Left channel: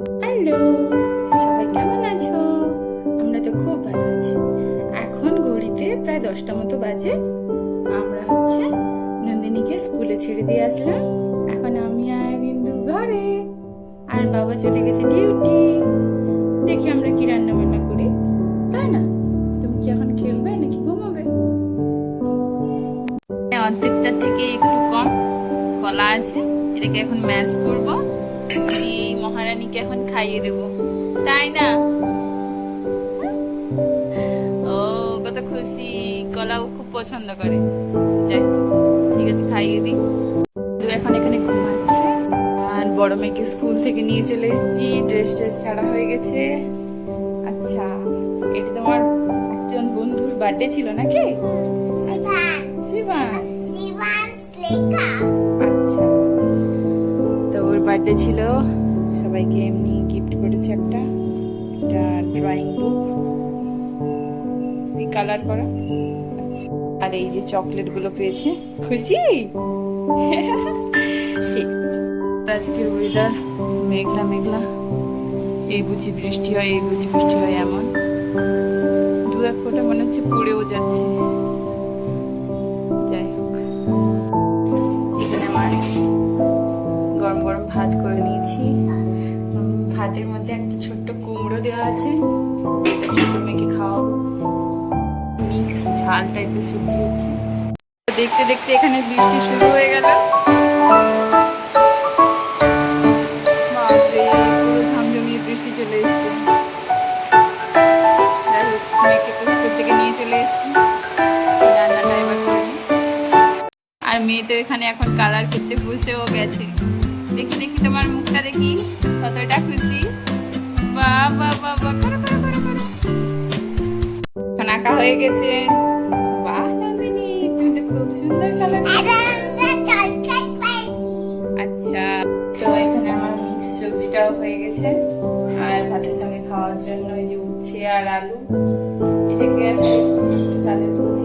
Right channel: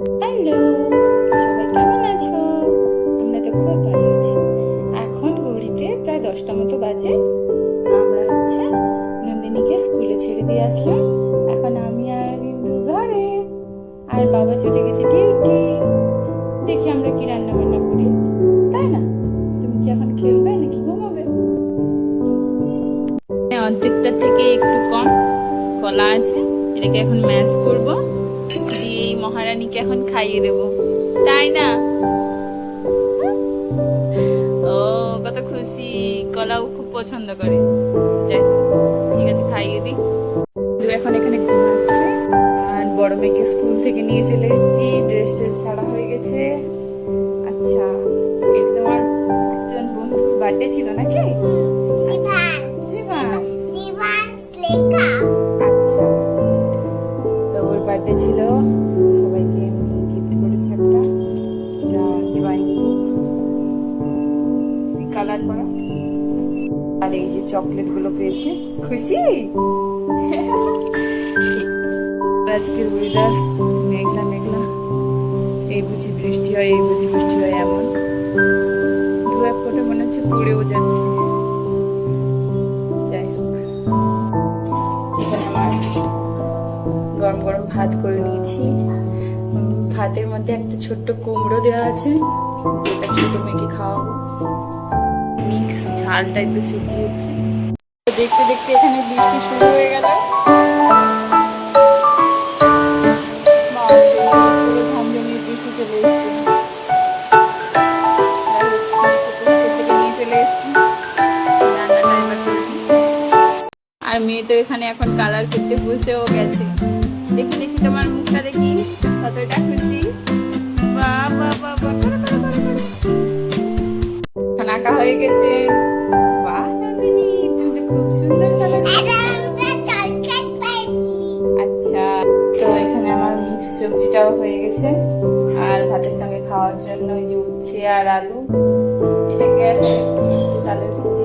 Hello, সবাই কেমন আছো? আমরা তো খুব ভালো আছি। এখন ঘড়িতে প্রায় 10টা মতো বাজে। আমরা নন্দিনীকে স্কুলে ছেড়ে দিয়ে আসলাম। এখন আমি আর বিন্দু ঘরে, আর বাবা চলে গেছে ডিউটি। দেখি আমরা কি রান্না বান্না করি, তাই না? তুমি কি এখন খেলবে নাকি ঘুমাবে? অর্ধেকটা থেকে একটু কম কলা আছে, এটাকে এখন ম্যাশ করবো, দিয়ে মহারানীকে এখন খাইয়ে দেবো, তাই না? ও কত খুশি, কলাও খুব পছন্দ করে। যাই হোক, ঠিক আছে, খাইয়ে দিই। এখন এখানে ঘুমাচ্ছে। আর বড় মেয়েকে স্কুল থেকে নিয়ে চলে এসেছি, ড্রেস ছাড়া হয়ে গেছে। আচ্ছা, এটা তোমার একজন বন্ধুর বার্থডে ছিল নাকি? আচ্ছা, তো ওর বার্থডে ছিল, সবাইকে এমনি গিফট করেছে একটা ড্রয়িং বুক কালার করা। আচ্ছা, আর এই যে চকলেট গুলো পেয়েছে, খুশি? ঠিক আছে। আজকের ওয়েদার মেঘলা মেঘলা, এই বুঝি বৃষ্টি হয়, এই বুঝি বৃষ্টি হয়, এমন দু এক ফোঁটা মনে হচ্ছে পড়েও যাচ্ছে। যাই হোক, এখানে আমার গরম গরম ভাত করে নিয়েছি। ভাতের মধ্যে একটা ছোট্ট কুমড়ো দেওয়া আছে, যেটা ছোট মেয়েকে খাওয়াবো। মিক্স ঝাল টাইপের সবজি হচ্ছে। দেখতে দেখতে এখানে বৃষ্টি শুরু হয়ে গেল। পুরো ঝমঝমিয়ে বৃষ্টি চলে এসছে। মেয়েকে স্কুল থেকে নিয়ে চলে এসছি, রান্নাটা এবার করবি। আর মেয়ে তো এখানে এখন কালার করতে বসেও গেছে। দেখি দেখি তোমার মুখটা দেখি, কতটা খুশি। বাহ বাহ বাহ বাহ, করো করো করো করো। এখন আঁকা হয়ে গেছে। বাহ নন্দিনী, তুমি তো খুব সুন্দর কালার করছো। আচ্ছা, তো এখানে আমার মিক্স সবজিটাও হয়ে গেছে। আর ভাতের সঙ্গে খাওয়ার জন্য ওই যে উচ্ছে আর আলু, এটাকে একটু চালের গুঁড়ো